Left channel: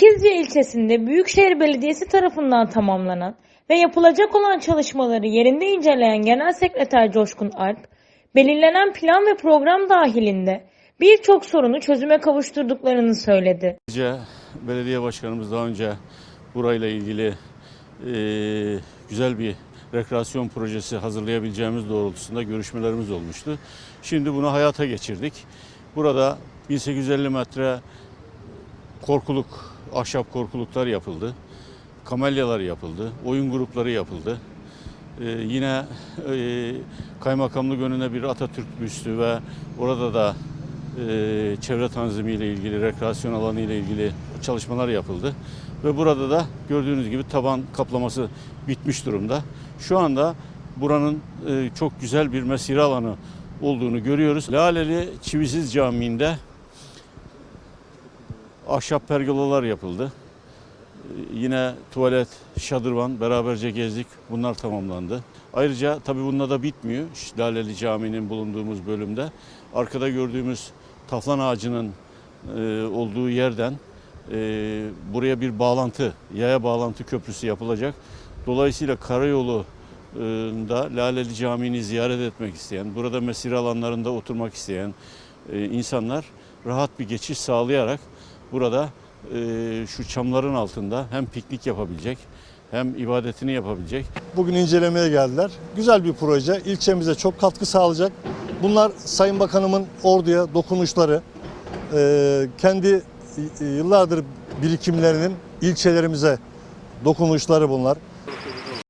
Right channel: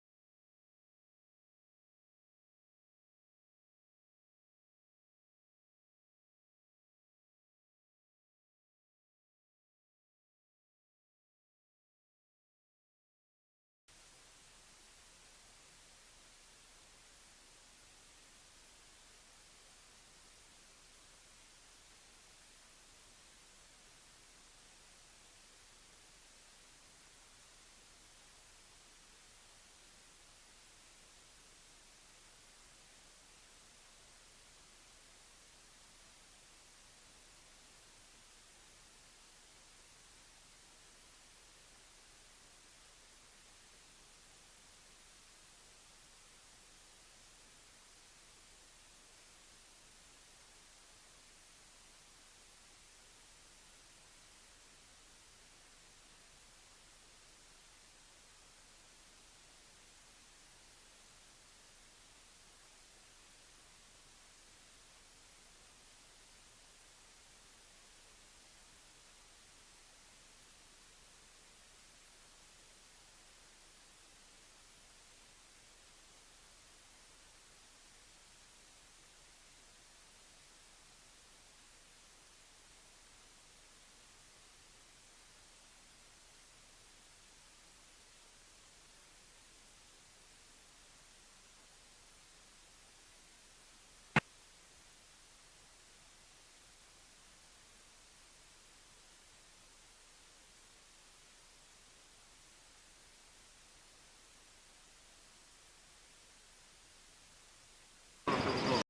İkizce ilçesinde Büyükşehir Belediyesi tarafından tamamlanan ve yapılacak olan çalışmaları yerinde inceleyen Genel Sekreter Coşkun Alp, belirlenen plan ve program dahilinde birçok sorunu çözüme kavuşturduklarını söyledi. Belediye başkanımız daha önce burayla ilgili e, güzel bir rekreasyon projesi hazırlayabileceğimiz doğrultusunda görüşmelerimiz olmuştu. Şimdi bunu hayata geçirdik. Burada 1850 metre korkuluk, ahşap korkuluklar yapıldı. Kamelyalar yapıldı, oyun grupları yapıldı. Ee, yine e, kaymakamlık önüne bir Atatürk büstü ve orada da e, çevre tanzimi ilgili, rekreasyon alanı ile ilgili çalışmalar yapıldı. Ve burada da gördüğünüz gibi taban kaplaması bitmiş durumda. Şu anda buranın e, çok güzel bir mesire alanı olduğunu görüyoruz. Laleli Çivisiz Camii'nde ahşap pergolalar yapıldı. Ee, Yine tuvalet, şadırvan beraberce gezdik. Bunlar tamamlandı. Ayrıca tabii bununla da bitmiyor. Şu Laleli Camii'nin bulunduğumuz bölümde. Arkada gördüğümüz taflan ağacının e, olduğu yerden e, buraya bir bağlantı, yaya bağlantı köprüsü yapılacak. Dolayısıyla karayolu e, da Laleli Camii'ni ziyaret etmek isteyen, burada mesire alanlarında oturmak isteyen e, insanlar rahat bir geçiş sağlayarak burada e, şu çamların altında hem piknik yapabilecek hem ibadetini yapabilecek. Bugün incelemeye geldiler. Güzel bir proje. İlçemize çok katkı sağlayacak. Bunlar Sayın Bakanımın orduya dokunuşları. Ee, kendi yıllardır birikimlerinin ilçelerimize dokunuşları bunlar.